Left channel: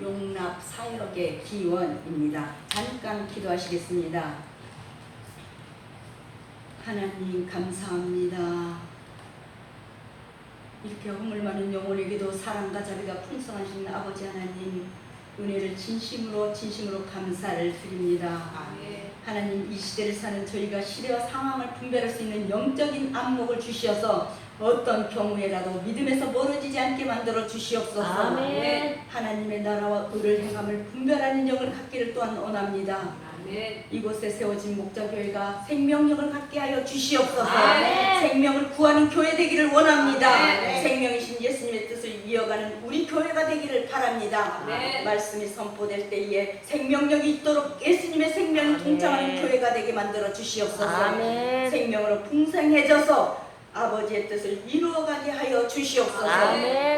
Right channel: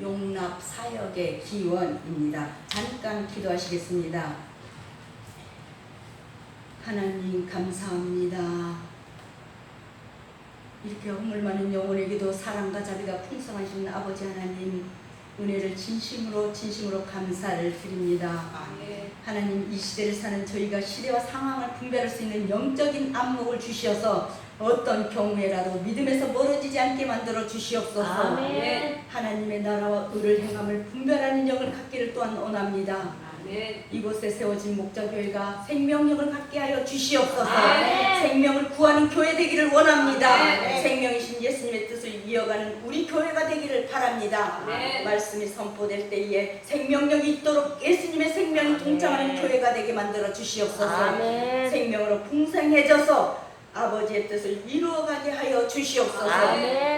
용납 사역의 기원입니다. 잠깐 기도하시겠습니다. 하나님 감사합니다. 이렇게 허물 많은 영혼에게도 사랑과 자비가 풍성하신 아버지 하나님, 은혜를 진심으로 감사를 드립니다. 하나님, 이 시대를 사는 저희가 시대와 상황을 분별할 수 있는 영적인 안목을 주시어서 어떤 경우에라도 믿음에서 멀어지지 않게 만들어 주시옵소서. 하나님의 나라와 의를 행함을 분별하는 영을 갖기를 또한 원합니다. 이곳에 세워진 목자교회가 생명력을 갖게 하여 주시옵소서. 생명을 구하는 교회 되기를 원합니다. 생명이신 예수님의 뜻을 이어가는 우리 교회가 되기를 바랍니다. 말씀이 선포될 때에 생명력이 있도록 예수님의 생명이 동참하는 교회가 되게 만들어 주시옵소서. 생명으로 풍성해져서 아버지의 뜻을 이루어가게 하여 주시옵소서.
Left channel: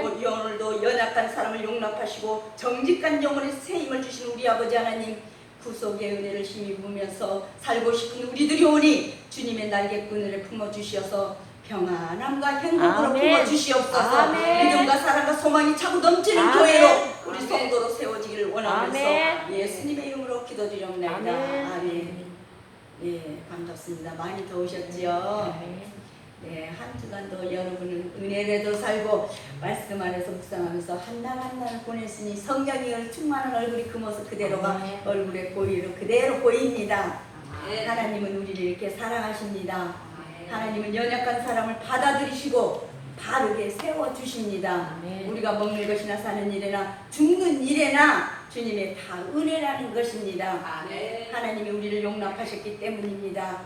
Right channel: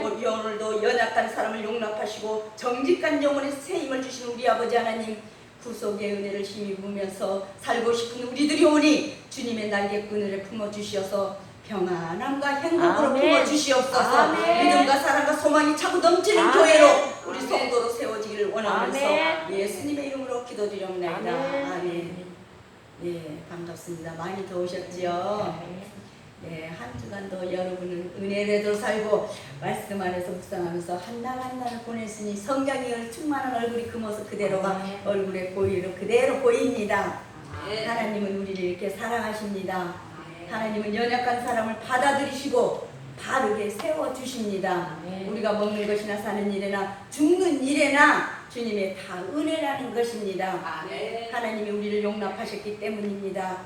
우리 오늘도 연약한 사람을 용납하시고 정직한 영혼의 새 힘을 주신 우리 아버지 하나님, 구속의 은혜를 힘입으면서 살고 싶은 우리들이 오니 주님의 날개 끈을 품어주시어서 평안함과 행복으로 품어주시옵소서. 믿음과 사랑과 소망이 차고 넘치는 교회로 우리 성도로 세워지기를 원하면서 예수님의 이름으로 기도드립니다. 아멘. 네, 반갑습니다. 많이 더우셨지요? 네, 한 주간도 여러분은 은혜로도 살고 말씀 안에서 묵상하면서 한 날 한 날 보냈으니 성경이 충만한 얼굴이 그 모습 그대로가 얼굴에 보이로 그대로 보입니다. 하나님은 우리를 이렇게 사랑하십니다. 하나님은 연약한 사람을 받아들이시고 바르게 세워주십니다. 우리가 먹는 것이나 사는 일이나 죽는 일에나 주님의 다 은혜라는 것입니다. 하나님이 우리를 용납하셨기 때문입니다.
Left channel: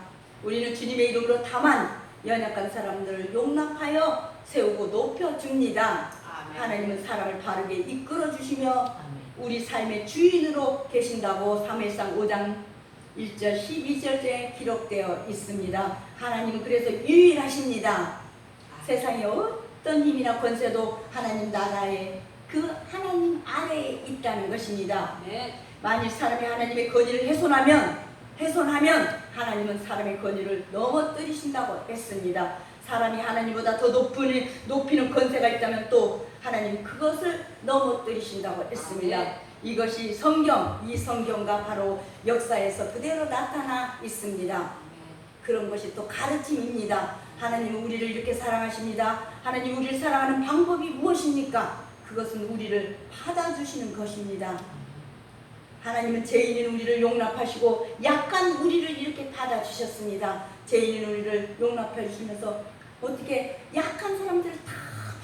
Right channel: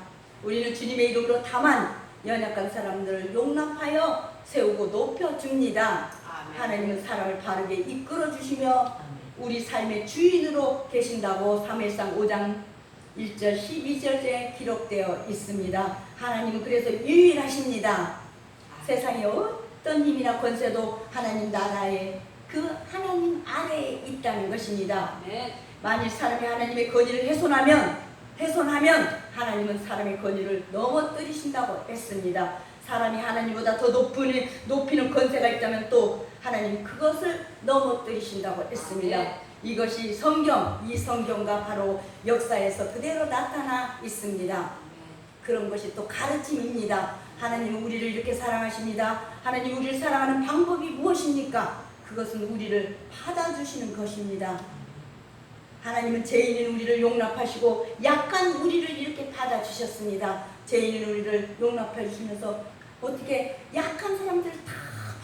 우리는 주님의 이름으로 다만 연약한 사람들을 용납하여 세우고 높여줍니다. 하나님은 사람을 바르게 이끌어주시며 우리 삶의 주인으로 계신다고 사무엘상 5장 1절 12절에 기록되어 있습니다. 하나님은 그래서 유일하십니다. 세상에 어떤 힘이나 권세도 하나님 나라에 그 하나님 아래에 있다는 것입니다. 만일 사람이 하나님의 권위를 훼손하면 하나님은 사람의 권위를 넘어뜨리신다고 했습니다. 사람이 하나님보다 더 높이는 권세가 있다면 또 하나님 그것을 넘어뜨리신다고 했습니다. 이것이 이 성경과 바로 역사에서 그대로 나타나 있습니다. 그런 것이 또 가르침입니다. 하나님은 우리를 이렇게 사랑하십니다. 하나님 우리를 사랑하는 방법이 무엇입니까? 그것은 우리를 받아주시는 것입니다. 하나님은 죄인인 우리를 용납하시고 약한 우리를 이렇게 받아주셨습니다. 죄인인 우리를 용납해 주시면서 어떻게 약한 사람들을 다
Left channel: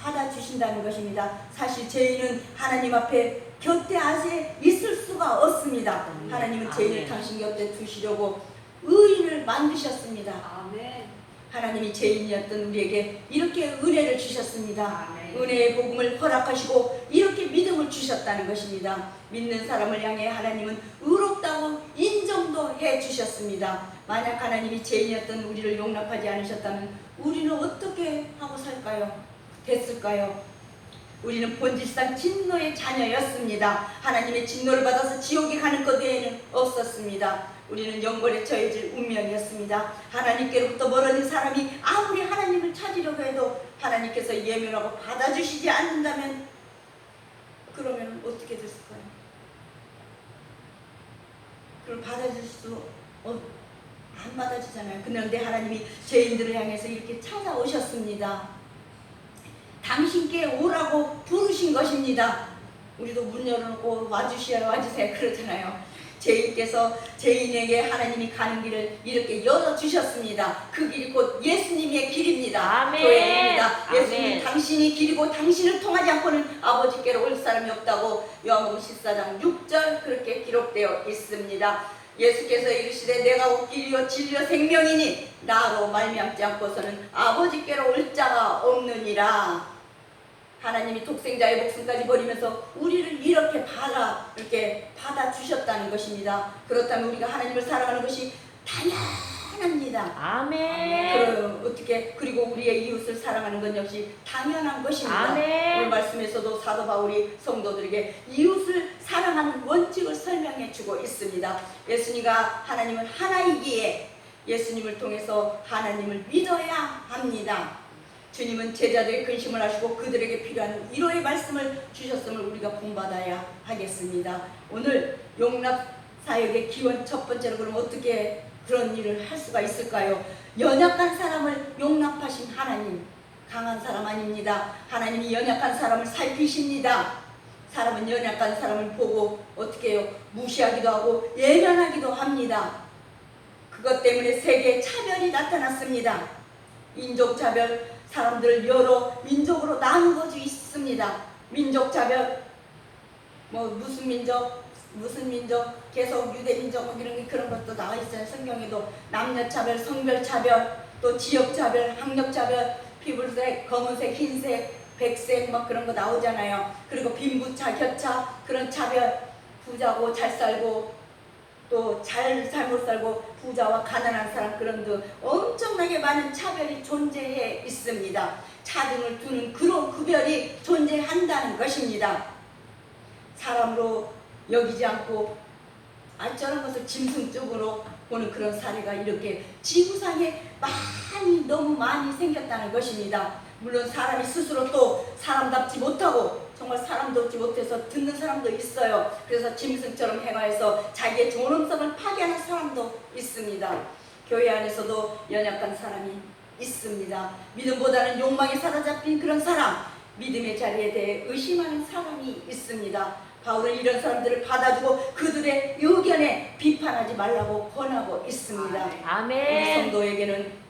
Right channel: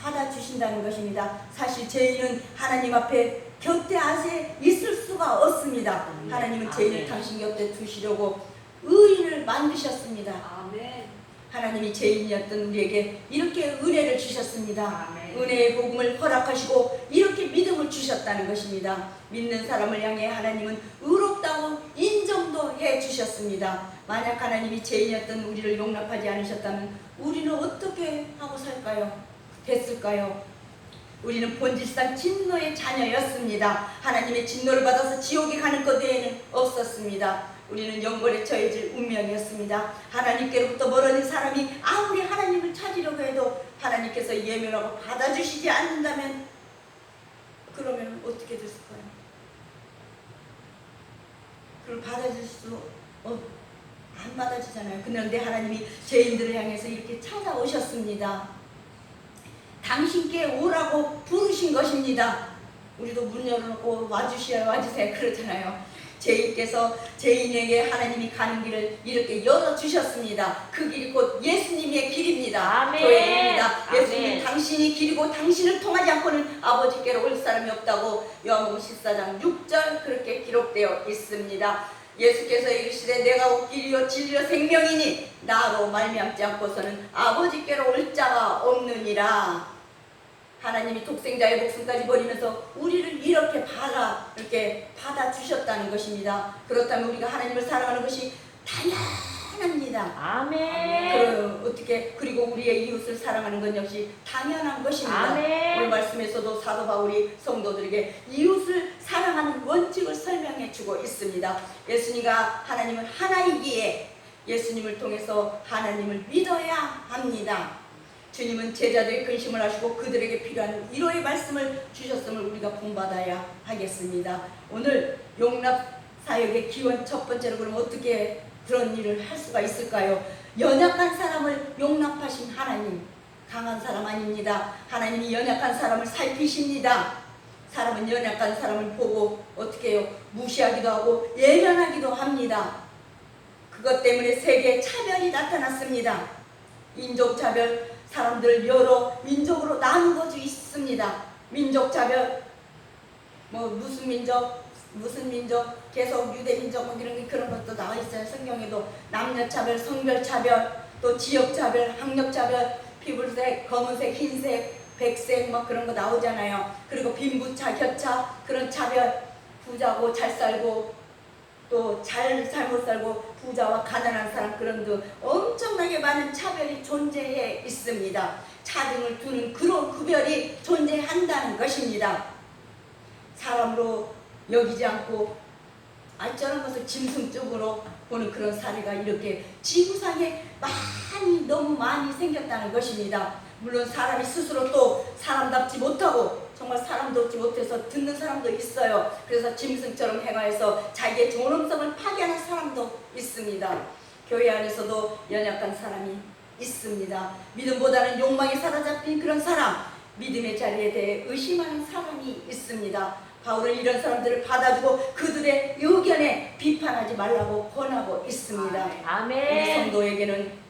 받아주신다는 것입니다. 사실 죄인은 하나님 앞에 곁에 아직 있을 수가 없습니다. 하나님은 죄인을 당신 곁에 두시려고 의인을 만드셨습니다. 하나님이 죄인이었던 우리에게 이렇게 은혜를 주셨습니다. 은혜의 복음을 허락하시고 이렇게 믿음을 주셨다는 것입니다. 믿는 사람을 향해 하나님은 의롭다고 인정도 해주셨습니다. 만약 하나님이 죄인이었던 우리를 용납하지 않으셨다면 우리는 어떻게 하고 됐을까요? 우리는 본질상 진노의 자녀였습니다. 하나님의 진노를 받아서 지옥에 가는 것 외에는 없었습니다. 우리는 영벌에 처해질 운명이었습니다. 하나님께로부터 멀어진 사람이 아무리 하나님을 찾으려고 해도 하나님께서 예면하고 받아주시지 않는다면 그러면 어떻게 됐을까요? 그걸 받아줄 수 안 받아주잖아요. 그런데 하나님이 죄인들을 향해서 이렇게 찾아오셨습니다. 당신께 오라고 부르신 것입니다. 우리도 문 열어놓고 와주세요 그러잖아요. 죄인께서 죄인에게 하나님이 가는 길을 이렇게 열어주셨습니다. 그 길이 곧 예수님의 길입니다. 교회입니다. 예수님은 당신이 길이고 당신을 통하지 않고는 아버지께로 올 사람이 없다고 요한복음 14장 6절 그렇게 기록되어 있습니다. 예수께서 이르시되 내가 곧 길이요 진리요 생명이니 나로 말미암지 않고서는 아버지께로 올 자가 없느니라. 하나님이 독생자의 목숨까지 버리면서 우리를 이렇게 받아주셨다는 것입니다. 그렇다면 우리가 하나님을 사랑하는 것이 당연합니다. 아멘. 그리고 우리의 이웃을 사랑하는 것 역시 당연한 것입니다. 아멘. 오늘 말씀에서도 사도 바울이 성도들에게 이웃을 사랑하는 원칙을 설명해 주고 있습니다. 예수님과 하나님은 하나이기에 예수님을 통해서 하나님을 믿어야 합니다. 주님은 제자들의 근심을 하시고 그들에게 필요한 위로의 말씀을 주셨음을 우리가 본받아야 하겠습니다. 오늘 용납 사역의 기원 첫 번째로 그러면 어떻게 그런 일을 할 수가 있을까요? 연약한 사람을 용납하신 하나님, 강한 사람 아닙니다. 하나님이 연약한 사람을 살피십니다. 사람은 연약한 사람을 보고 어떻게 해요? 무시하기도 하고 예면하기도 합니다. 그것 때문에 세계에 차별이 나타났습니다. 인종차별, 사람들 여러 민족으로 나누어져 있습니다. 민족차별, 무슨 민족, 계속 유대민족 이런 그런 것도 나와 있어요. 성경에도 남녀차별, 성별차별, 또 지역차별, 학력차별, 피부색, 검은색, 흰색, 백색 그런 거 나오잖아요. 그리고 빈부차, 격차 그런 차별, 부자고 잘 살고 또 잘못 살고 부자와 가난한 사람 그런 등 엄청나게 많은 차별이 존재해 있습니다. 차등을 두는 그런 구별이 존재한다는 것입니다. 사람으로 여기지 않고 저런 것을 짐승적으로 보는 그런 사례가 이렇게 지구상에 너무 많이 생겼다는 것입니다. 물론 사람이 스스로 또 사람답지 못하고 정말 사람답지 못해서 듣는 사람도 있어요. 그래서 짐승처럼 행하여서 자기의 존엄성을 파괴하는 사람도 있습니다. 교회 안에서도 연약한 사람이 있습니다. 믿음보다는 욕망에 사로잡힌 그런 사람, 믿음의 자리에 대해 의심하는 사람이 있습니다. 바울은 이런 사람들을 받아주고 그들의 의견에 비판하지 말라고 권하고 있습니다. 아멘.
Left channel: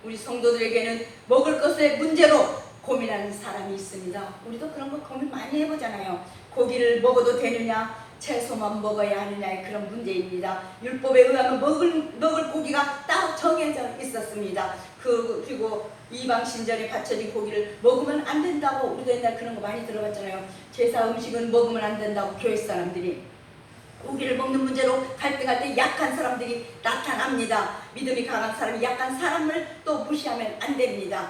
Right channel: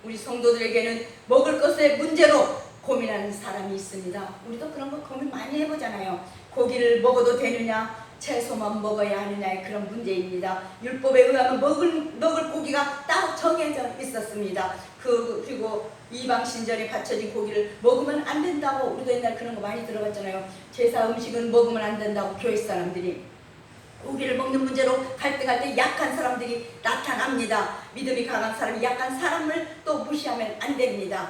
우리 성도들에게는 먹을 것의 문제로 고민하는 사람이 있습니다. 우리도 그런 거 고민 많이 해보잖아요. 고기를 먹어도 되느냐, 채소만 먹어야 하느냐의 그런 문제입니다. 율법에 의하면 먹을 고기가 따로 정해져 있었습니다. 그리고 이방 신전에 바쳐진 고기를 먹으면 안 된다고 우리도 옛날 그런 거 많이 들어봤잖아요. 제사 음식은 먹으면 안 된다고 교회 사람들이. 고기를 먹는 문제로 갈등할 때 약한 사람들이 나타납니다. 믿음이 강한 사람이 약한 사람을 또 무시하면 안 됩니다.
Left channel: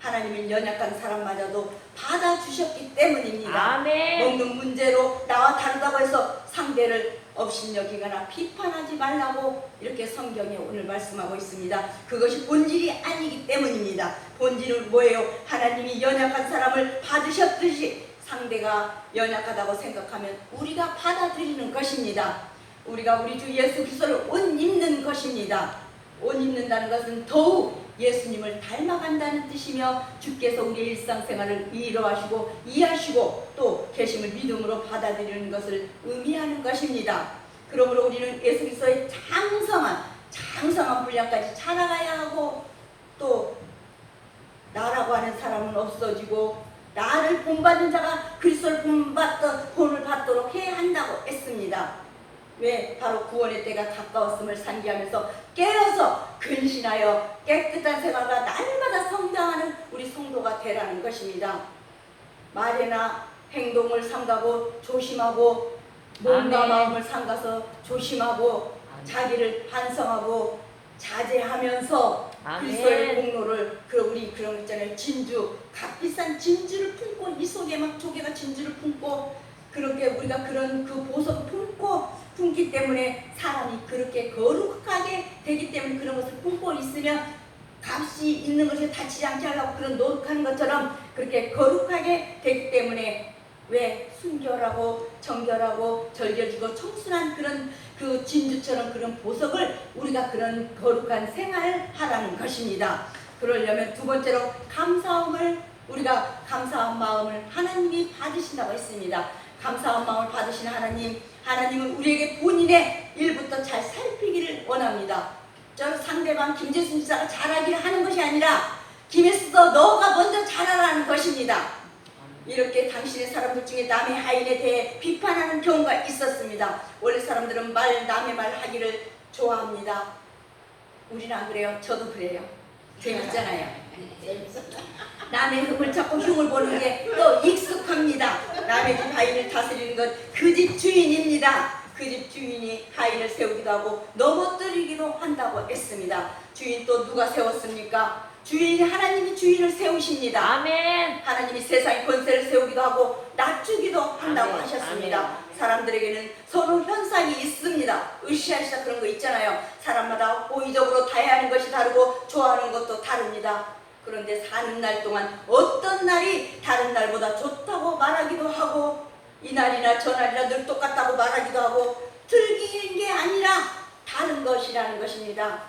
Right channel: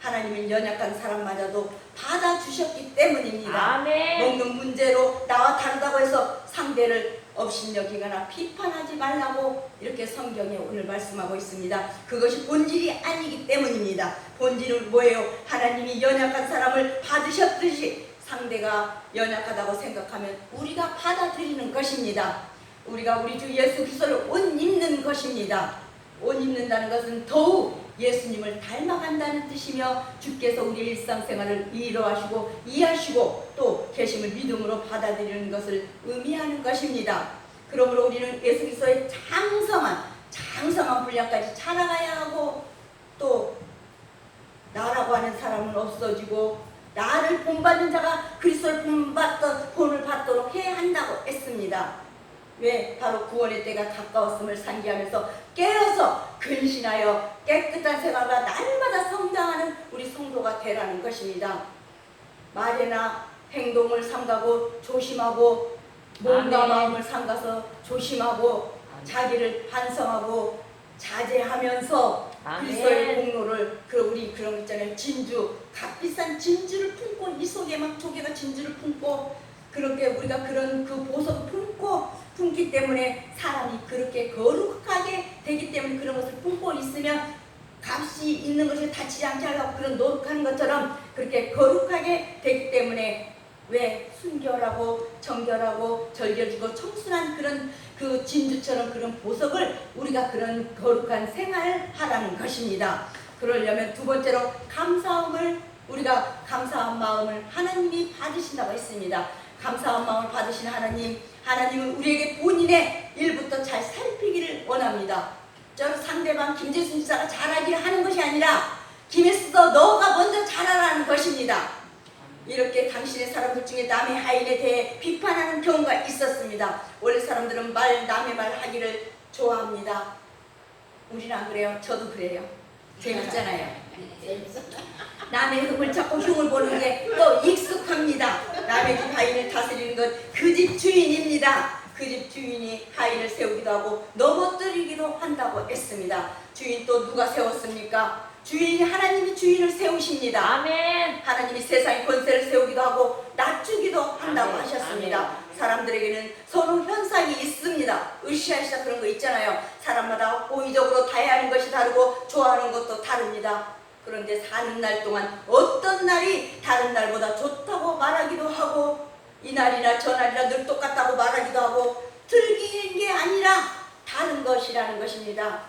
하나님이 연약한 사람마저도 받아주셨기 때문입니다. 아멘. 먹는 문제로 나와 다르다고 해서 상대를 업신여기거나 비판하지 말라고 이렇게 성경에 오늘 말씀하고 있습니다. 그것이 본질이 아니기 때문입니다. 본질은 뭐예요? 하나님이 연약한 사람을 받으셨듯이 상대가 연약하다고 생각하면 우리가 받아들이는 것입니다. 우리가 우리 주 예수 그리스도를 옷 입는 것입니다. 옷 입는다는 것은 더욱 예수님을 닮아간다는 뜻이며 주께서 우리 일상생활을 위로하시고 이해하시고 또 계심을 믿음으로 받아들이는 것을 의미하는 것입니다. 그러므로 우리는 예수 그리스도의 장성한 분량까지 자라가야 하고 또 나라고 하는 사람은 없어지고 나를 본받는 자가 그리스도를 본을 받도록 해야 한다고 했습니다. 왜? 바로 구원의 때가 가까웠음을 상기하면서 깨어서 근신하여 깨끗한 생활과 날마다 성장하는 우리 성도가 되라는 것입니다. 말이나 행동을 삼가고 조심하고 몸과 마음을 삼가서 조심하고 자기를 반성하고 자제하면서 그리스도의 공로를 우리 그런 거 있잖아요. 진주, 값비싼 진주를 품고 이 속에 막 조개가 진주를 품고 그렇게 우리가 그런 그 보석을 품기 때문에 사람이 그렇게 거룩하게 되기 때문에 그런 것을 품고 있으면 값이 있는 것에 다치지 않게 하려고 그런 노력하는 것처럼 그렇게 거룩하게 되기 때문에 왜 순결하고 정결하고 절겨지고 청순한 그런 그 진주처럼 그런 보석을 우리가 그런 거룩한 생활을 하라는 것입니다. 그러려면 두 번째로 우리가 감사한 마음을 하나님이 받으신다고 했습니다. 감사한 마음을 받으신 하나님은 우리에게 본인의 일부터 잘 살피기를 원합니다. 저 상대방 김재순 지사가 잘하기를 하는 것이 아니라 김혜수도 너가 먼저 잘하라는 것입니다. 이렇게 당신의 사람들 중에 남의 하인에 대해 비판하는 경우가 있었습니다. 원래 사람들은 남의 말 하기를 좋아합니다. 우리는 안 그래요? 저도 그래요. 재밌잖아요. 남의 흠을 찾고 흉을 보는 게 또 익숙합니다. 남의 집 하인을 다스리는 건 그 집 주인입니다. 그 집 주인이 하인을 세우기도 하고 넘어뜨리기도 한다고 했습니다. 주인 또 누가 세웠습니까? 하나님이 주인을 세우십니다. 아멘. 하나님이 세상의 권세를 세우기도 하고 낮추기도 한다고 아멘. 하셨습니다. 아멘. 사람들에게는 서로 현상이 있습니다. 으쌰으쌰 그런 거 있잖아요. 사람마다 고의적으로 다해하는 것이 다르고 좋아하는 것도 다릅니다. 그런데 사는 날 동안 어떤 날이 다른 날보다 좋다고 말하기도 하고 이 날이나 저 날이나 늘 똑같다고 말하기도 하고 틀린 게 아니라 다른 것이라는 것입니다.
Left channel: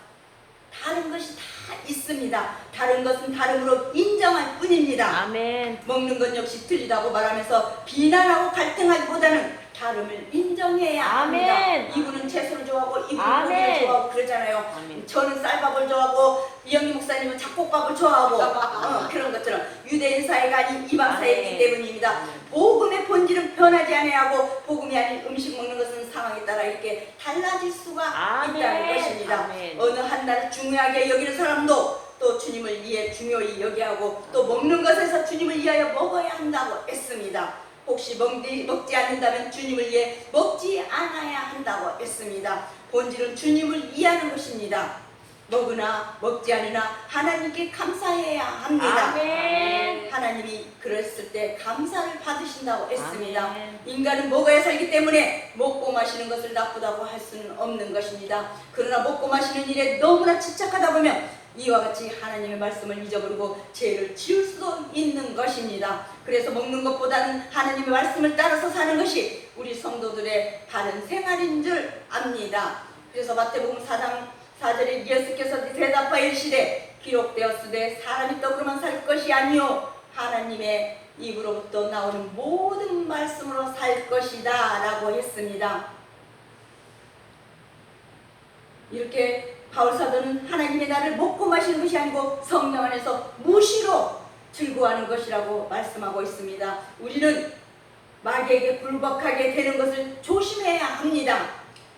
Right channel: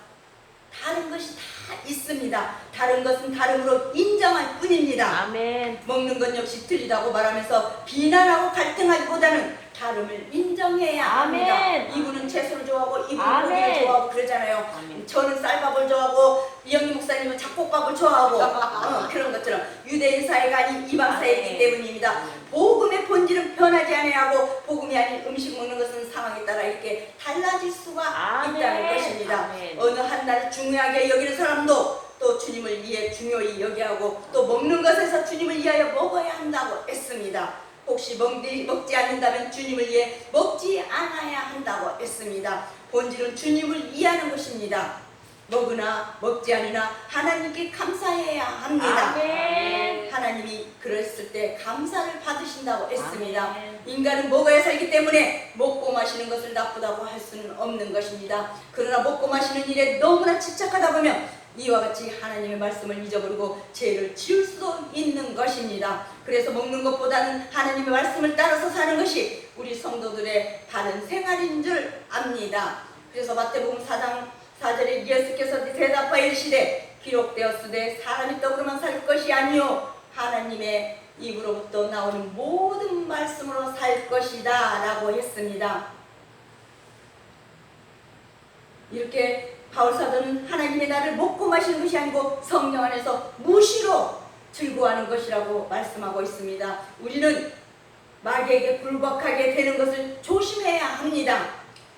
다른 것이 다 있습니다. 다른 것은 다름으로 인정할 뿐입니다. 아멘. 먹는 것 역시 틀리다고 말하면서 비난하고 갈등하기보다는 다름을 인정해야 합니다. 아멘. 이분은 채소를 좋아하고 이분은 아멘. 고기를 좋아하고 그러잖아요. 아멘. 저는 쌀밥을 좋아하고 이영희 목사님은 잡곡밥을 좋아하고 그런 것처럼 유대인 사회가 아닌 이방 사회이기 때문입니다. 복음의 본질은 변하지 아니하고 복음이 아닌 음식 먹는 것은 상황에 따라 이렇게 달라질 수가 아멘. 있다는 것입니다. 아멘. 어느 한 날 중요하게 여기는 사람도 또 주님을 위해 중요히 여기하고 또 먹는 것에서 주님을 위하여 먹어야 한다고 했습니다. 혹시 먹지 않는다면 주님을 위해 먹지 않아야 한다고 했습니다. 본질은 주님을 위하는 것입니다. 먹으나 먹지 않으나 하나님께 감사해야 합니다. 아멘. 하나님이 그랬을 때 감사를 받으신다고 했습니다. 아멘. 인간은 먹어야 살기 때문에 먹고 마시는 것을 나쁘다고 할 수는 없는 것입니다. 그러나 먹고 마시는 일에 너무나 집착하다 보면 이와 같이 하나님의 말씀을 잊어버리고 죄를 지을 수도 있는 것입니다. 그래서 먹는 것보다는 하나님의 말씀을 따라서 사는 것이 우리 성도들의 바른 생활인 줄 압니다. 그래서 마태복음 4장 4절에 예수께서 대답하여 이르시되 기록되었으되 사람이 떡으로만 살 것이 아니요 하나님의 입으로부터 나오는 모든 말씀으로 살 것이다 라고 했습니다. 이렇게 바울사도는 하나님의 나를 먹고 마시는 것이 아니고 성령 안에서 무시로 즐거워하는 것이라고 말씀하고 있습니다. 우리는 마귀에게 굴복하게 되는 것을 조심해야 합니다.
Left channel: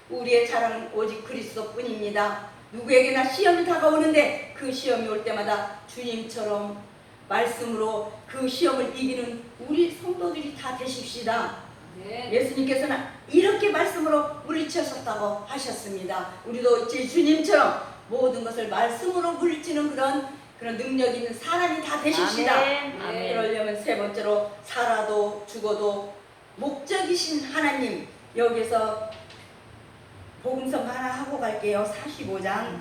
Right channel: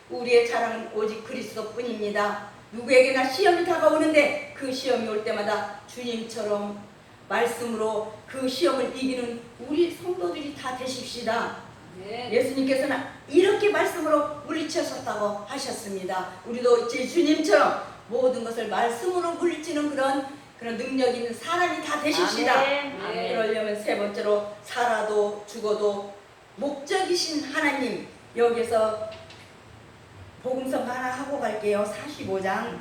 우리의 자랑은 오직 그리스도뿐입니다. 누구에게나 시험이 다가오는데 그 시험이 올 때마다 주님처럼 말씀으로 그 시험을 이기는 우리 성도들이 다 되십시다. 예수님께서는 이렇게 말씀으로 물리치셨다고 하셨습니다. 우리도 주님처럼 모든 것을 말씀으로 물리치는 그런 능력 있는 사람이 다 되십시다. 그러려면 세 번째로 살아도 죽어도 목적이신 하나님, 여기서 복음서 하나 하고 갈게요. 45장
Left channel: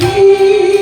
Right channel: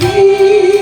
이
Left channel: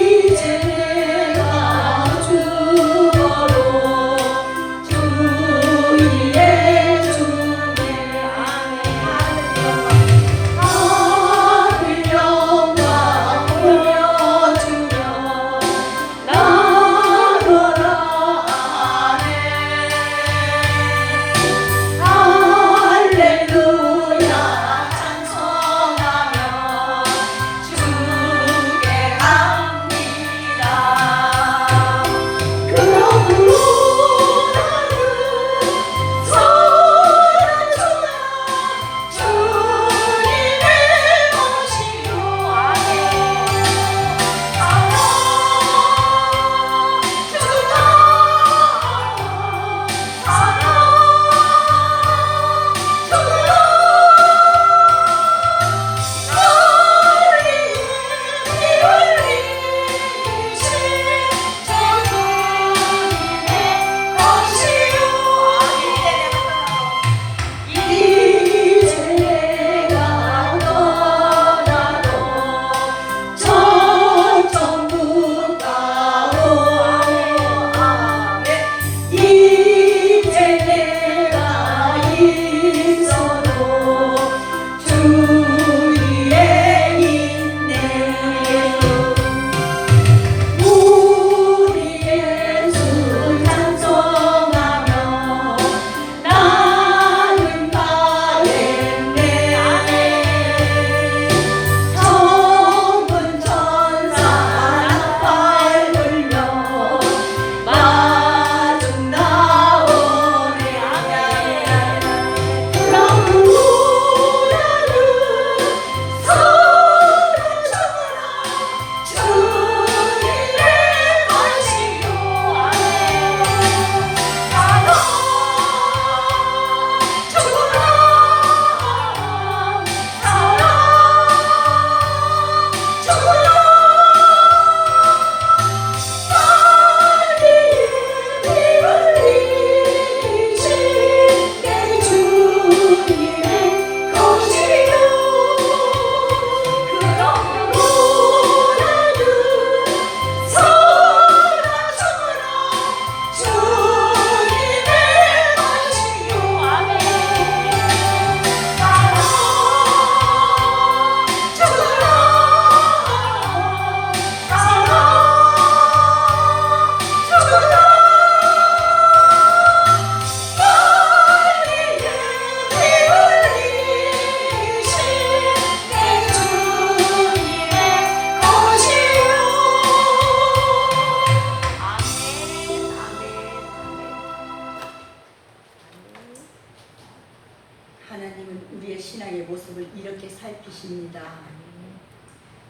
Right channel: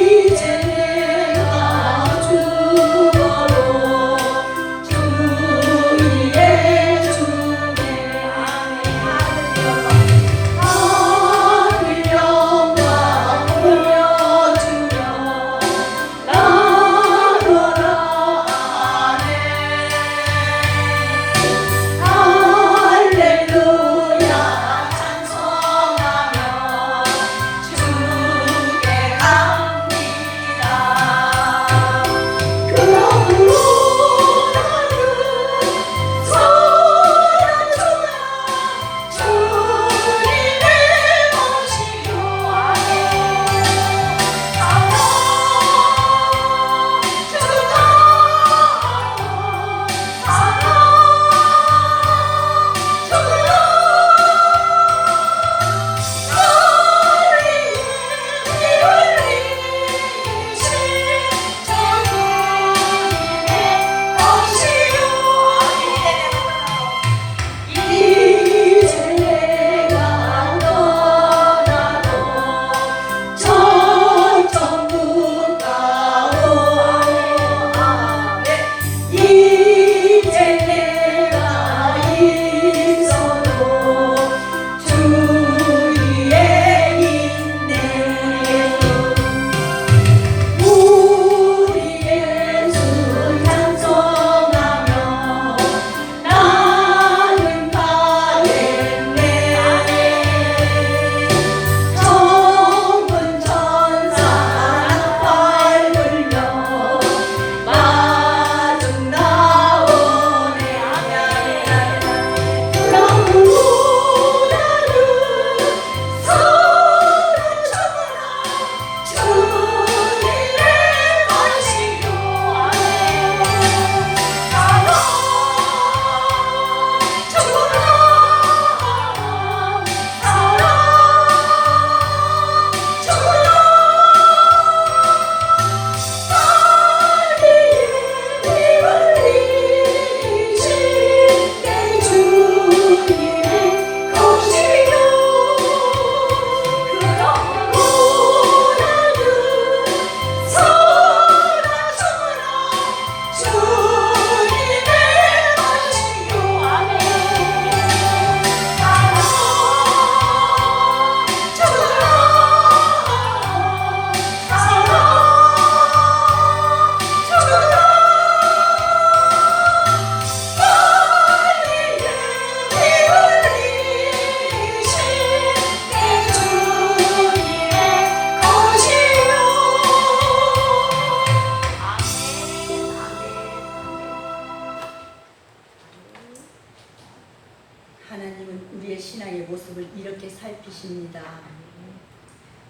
사람이십니다.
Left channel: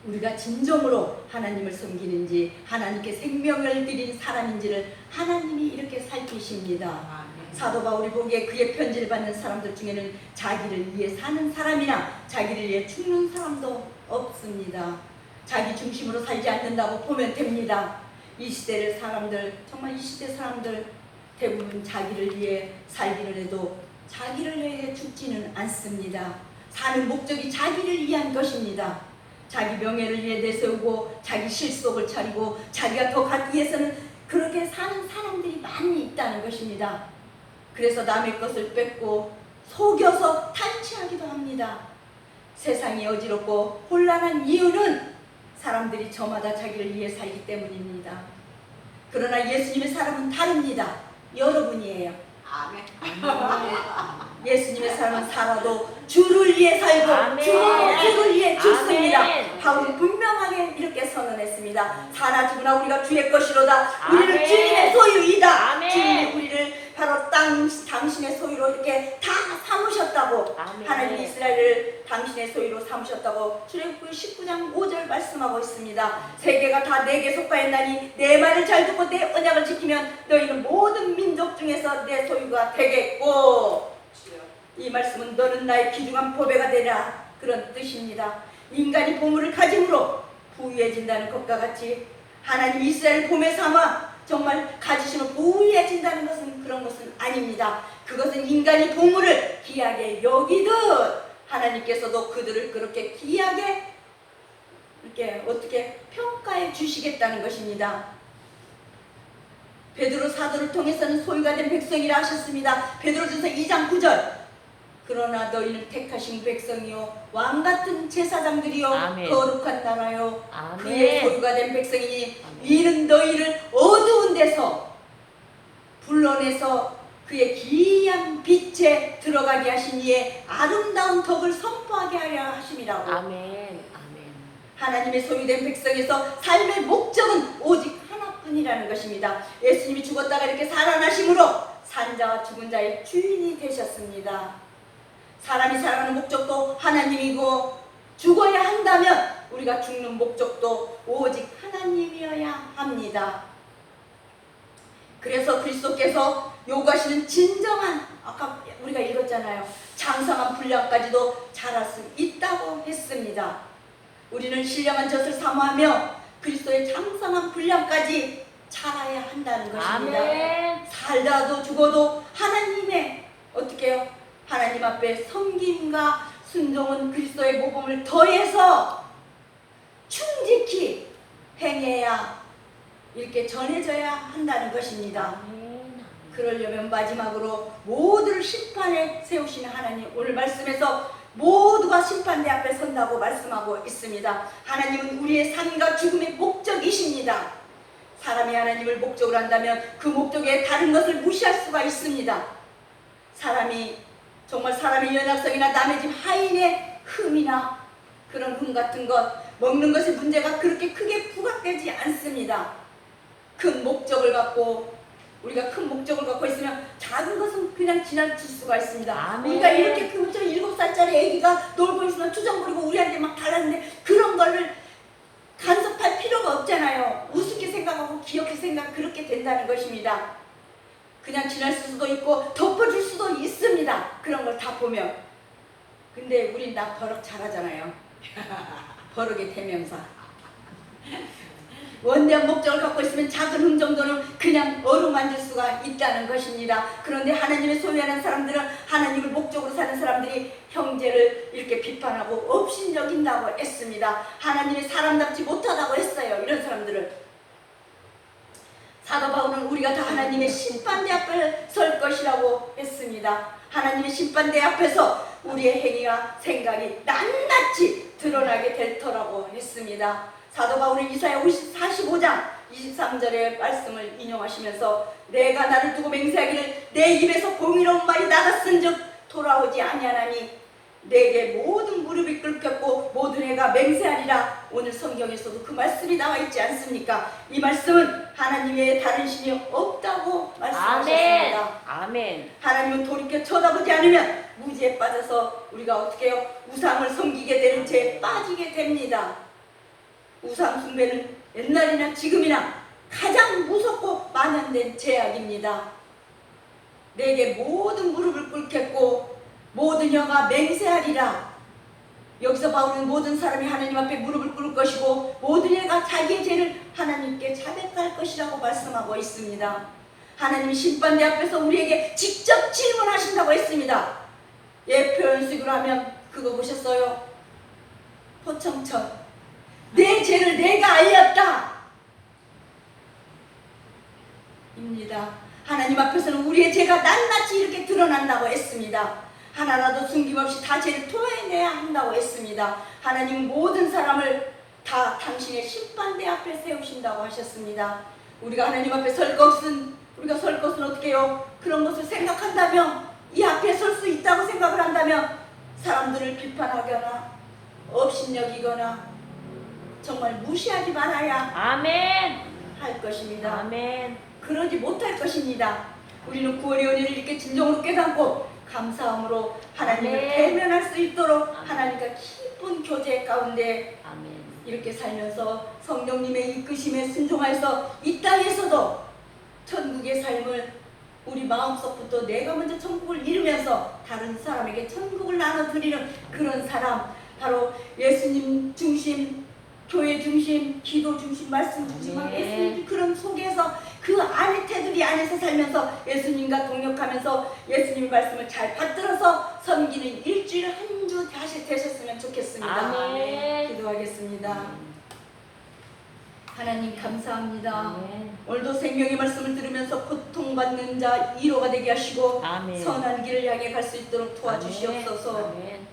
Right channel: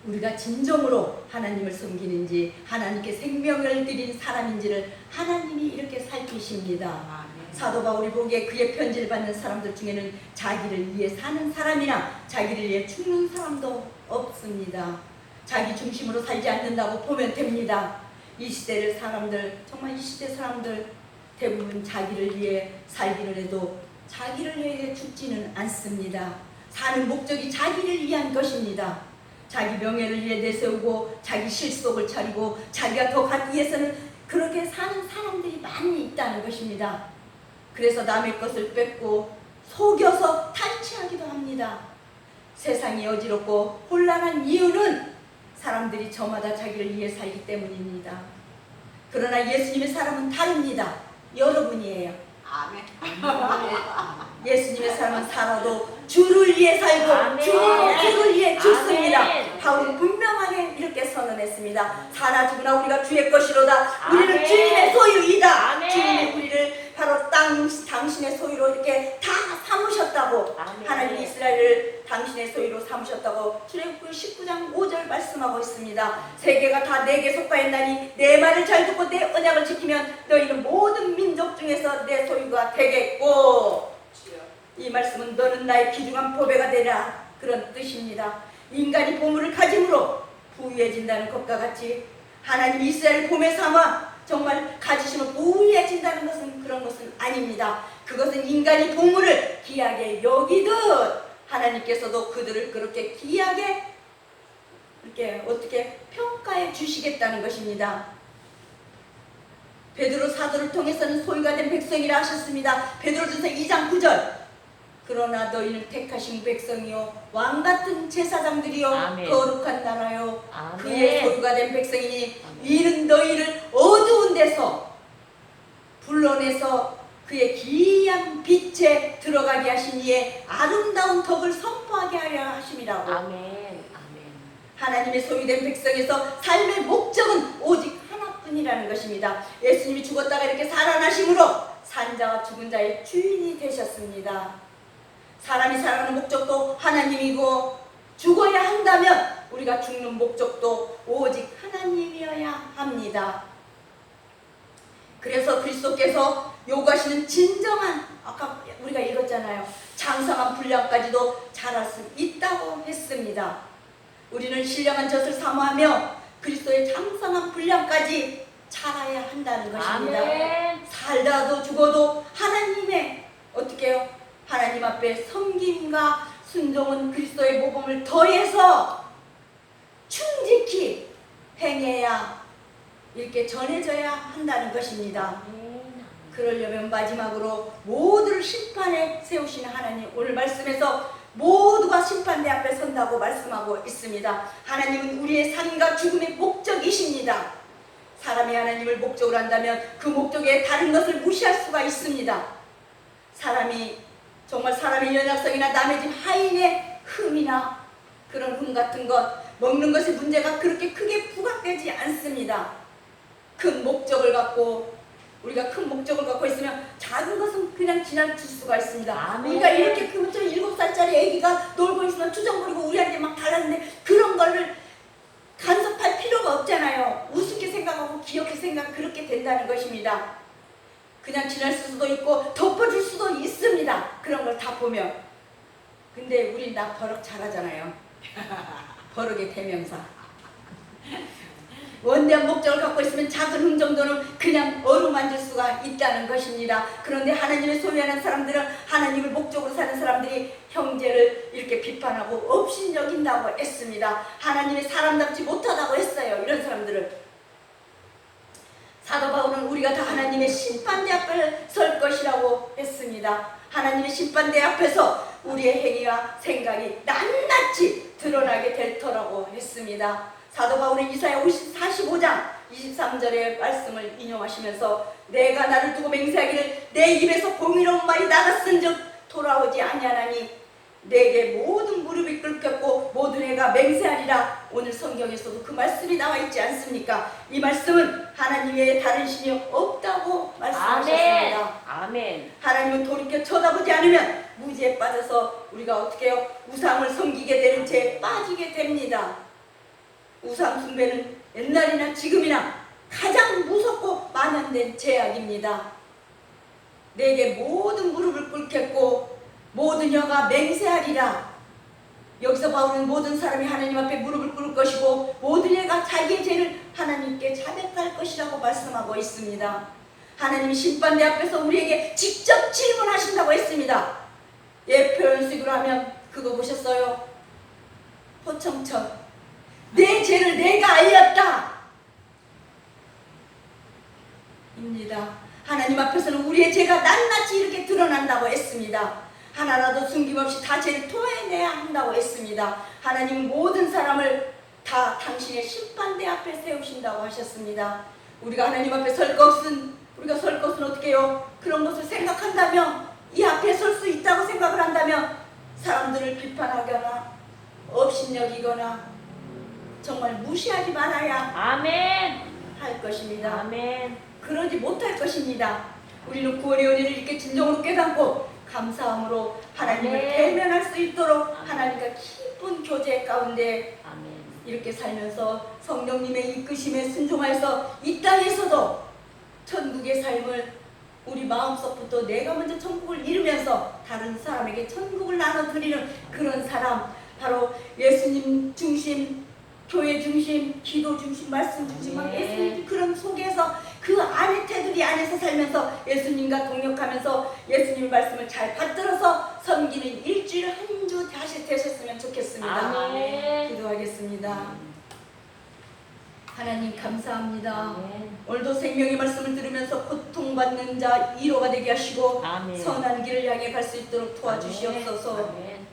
우리가 진정으로 하나님을 섬기는지 하나님께 생명을 드린 사람인지를 하나님이 이렇게 살피십니다. 사도 바울이 보기에 그의 편지를 받는 사람들 중에는 자기를 위해 사는 사람이나 자기를 위해 죽는 사람도 없습니다. 자기 중심으로 살지 않는다고 보면 됩니다. 이 시대의 사람들, 정말 이 시대 사람들 대부분 자기를 위해 살기를 해도 자기를 위해 죽지는 않습니다. 사는 목적이 자기를 위한 것입니다. 자기 명예를 위해 내세우고 자기 실속을 차리고 자기가 더 갖기 위해서는 그렇게 사는 사람들이 많이 있다는 것입니다. 그래서 남의 것을 뺏고 속여서 탈취하기도 합니다. 세상이 어지럽고 혼란한 이유는 사람들이 저마다 자기를 위해 살기 때문입니다. 그러나 예수님의 사람은 다릅니다. 여러분이에요. 아멘. 예수님의 사람은 살아도 주를 위해 살고 아멘. 주님의 주를 위해 죽습니다. 아멘. 바울은 분명하게 이렇게 선언했습니다. 사나 죽으나 우리가 주의 것이로다. 우리는 아멘. 주님의 소유이다. 아멘. 주님이 우리를 바로 당신의 소유로 이렇게 다 삼으셨다고. 아멘. 하나님 이스라엘을 당신의 소유로 삼으셨다고 출애굽기 19장 5절 말씀하고 있습니다. 세계가 다 내게 속하였나니 내 말을 잘 듣고 내 언약을 지키면 너희는 모든 민족 중에서 내 소유가 되겠고, 이 말씀은 너는 나의 귀중한 보배가 되라, 그런 뜻입니다. 인간이 보물을 가짐으로 부유해진다는 것과 같이 하나님 이스라엘 보배 삼아 정말 가지심을 부유해진다는 것은 그런 것은 아닙니다. 그것은 인간이 보물을 귀하게 여기듯 하나님께서도 그들을 그렇게 귀하게 이렇게 어떻게 평가해 주시겠다는 것입니다. 베드로 사도를 통해서는 소유가 된 백성이라 하셨습니다. 베드로전서 2장 9절. 그러나 너희는 택하신 백성이요 왕같은 제사장들이요 아멘. 거룩한 나라요 아멘. 그의 소유가 된 백성이니 이는 너희를 어두운 데서 불러내서 그의 기이한 빛에 들어가게 하신 이의 아름다운 덕을 선포하게 하려 하심이라고. 아멘. 아멘. 하나님의 소유된 백성에서 삶의 목적은 오직 하나뿐이라는 것입니다. 예수님이 죽었다가 이렇게 살아나심으로 산자와 죽은 자의 주인이 되셨습니다. 사람이 살아가는 목적도 하나님이고 죽어야 한다면 우리가 죽는 목적도 오직 하나님이어야 합니다. 그래서 그리스도께서 요구하시는 진정한, 아까 우리가 읽었잖아요, 장성한 분량까지도 잘할 수 있다고 했습니다. 우리는 신령한 젖을 사모하며 그리스도의 장성한 분량까지 자라야 한다는 것입니다. 아멘. 살다도 죽어도 하나님의 어떻게 해요? 하나님 앞에 섬김과 순종은 그리스도의 모범을 더해서 충직히 행해야 이렇게 전해져야 한다는 것입니다. 그러려면 마지막으로 모두를 심판에 세우시는 하나님, 오늘 말씀에서 모두가 심판대 앞에 선다고 말씀하고 있습니다. 하나님은 우리의 삶과 죽음의 목적이십니다. 사람이 하나님을 목적으로 한다면 그 목적에 다른 것을 무시할 수가 있습니다. 사람이 정말 사람의 연약성이나 남의 집 하인의 흠이나 그런 흠 같은 것, 먹는 것의 문제가 그렇게 크게 부각되지 않습니다. 큰 목적을 갖고, 우리가 큰 목적을 갖고 있으면 작은 것은 그냥 지나칠 수가 있습니다. 아멘. 우리가 이렇게 그 7살짜리 애기가 놀고 있으면 투정거리고 우리한테 막 달랐는데 그런 거를 간섭할 필요가 없잖아요. 우습게 생각하고 귀엽게 생각, 그렇게 된다는 것입니다. 그냥 지날 수도 있고 덮어줄 수도 있습니다. 그런 걸 다 보면. 근데 우리 나 버럭 잘하잖아요. 버럭의 대명사. 원대한 목적을 갖고 있으면 작은 흠 정도는 그냥 어루만질 수가 있다는 것입니다. 그런데 하나님의 소유하는 사람들은, 하나님을 목적으로 사는 사람들이 형제를 이렇게 비판하고 업신여긴다고 했습니다. 하나님의 사람답지 못하다고 했어요. 이런 사람들을. 사도 바울은 우리가 다 하나님의 심판대 앞에 설 것이라고 했습니다. 하나님의 심판대 앞에서 우리의 행위와 생각이 낱낱이 드러나게 될 터라고 했습니다. 사도 바울은 이사야 45장 23절의 말씀을 인용하시면서 내가 나를 두고 맹세하기를 내 입에서 공의로운 말이 나갔은즉 돌아오지 아니하나니 내게 모든 무릎이 꿇혔고 모든 애가 맹세하리라. 오늘 성경에서도 그 말씀이 나와 있지 않습니까? 이 말씀은 하나님의 다른 신이 없다고 말씀하셨습니다. 아멘. 하나님은 돌이켜 쳐다보지 않으면 무지에 빠져서 우리가 어떻게 해요? 우상을 섬기게 되는 죄에 빠지게 됩니다. 우상 숭배는 옛날이나 지금이나 가장 무섭고 만연된 죄악입니다. 내게 모든 무릎을 꿇겠고 모든 영아 맹세하리라. 여기서 바울은 모든 사람이 하나님 앞에 무릎을 꿇을 것이고 모든 애가 자기의 죄를 하나님께 자백할 것이라고 말씀하고 있습니다. 하나님 심판대 앞에서 우리에게 직접 질문하신다고 했습니다. 예, 표현식으로 하면 그거 보셨어요? 포청청. 내 죄를 내가 알렸다. 입니다. 하나님 앞에서는 우리의 죄가 낱낱이 이렇게 드러난다고 했습니다. 하나라도 숨김없이 다 죄를 토해내야 한다고 했습니다. 하나님 모든 사람을 다 당신의 심판대 앞에 세우신다고 하셨습니다. 우리가 하나님 앞에 설 것은 어떻게 해요? 그런 것을 생각한다면, 이 앞에 설 수 있다고 생각을 한다면 사람들을 비판하거나 업신여기거나 정말 무시하지 말아야 아멘. 할 것입니다. 아멘. 그러지 못할 것입니다. 우리는 구원의 은혜를 이렇게 진정으로 깨닫고 감사함으로 하나님을 아멘. 대면할 수 있도록 하나님과 깊은 교제 가운데 아멘. 이렇게 살면서 성령님의 이끄심에 순종하여서 이 땅에서도 천국의 삶을 우리 마음속부터 내가 먼저 천국을 이루면서 다른 사람에게 천국을 나눠드리는 그런 사람, 바로 예수님 중심, 교회 중심, 기도 중심, 말씀 중심, 네. 예수님 그런 속에서 그 안에 테두리 안에서 살면서 예수님과 동역하면서 예수님 말씀을 잘 받들어서 섬기는 일주일 한 주 다시 되셨으면 좋겠습니다. 아멘. 기도하겠습니다. 하나님 감사합니다. 아멘. 오늘도 생명의 말씀을 들으면서 고통받는 자 위로가 되게 하시고 아멘. 선한 길을 향해 갈 수 있도록 도와주시옵소서. 아멘.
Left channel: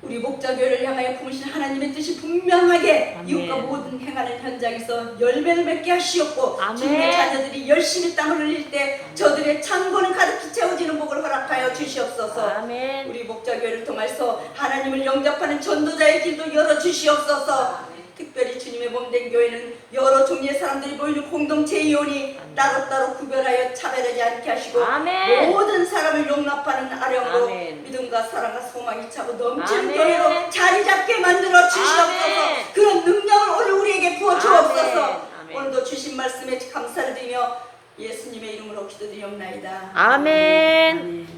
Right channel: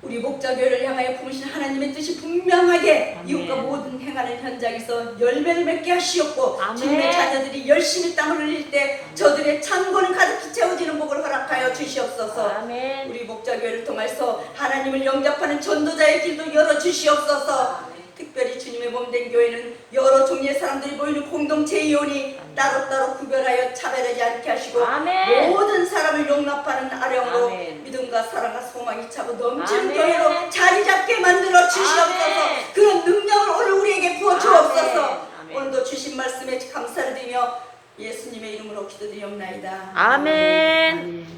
우리 목자교회를 향하여 품으신 하나님의 뜻이 분명하게 아멘. 이웃과 모든 행하는 현장에서 열매를 맺게 하시옵고 아멘. 주님의 자녀들이 열심히 땀을 흘릴 때 저들의 창고는 가득히 채워지는 복을 허락하여 주시옵소서. 아멘. 우리 목자교회를 통해서 하나님을 영접하는 전도자의 길도 열어주시옵소서. 특별히 주님의 몸된 교회는 여러 종류의 사람들이 모이는 공동체이오니 따로따로 구별하여 차별하지 않게 하시고 아멘. 모든 사람을 용납하는 아령으로 아멘. 믿음과 사랑과 소망이 차고 넘치는 아멘. 교회로 자리 잡게 만들어 주시옵소서. 아멘. 그런 능력을 오늘 우리에게 부어 주옵소서. 아멘. 오늘도 주신 말씀에 감사를 드리며 예수님의 이름으로 기도드리옵나이다. 아멘. 아멘.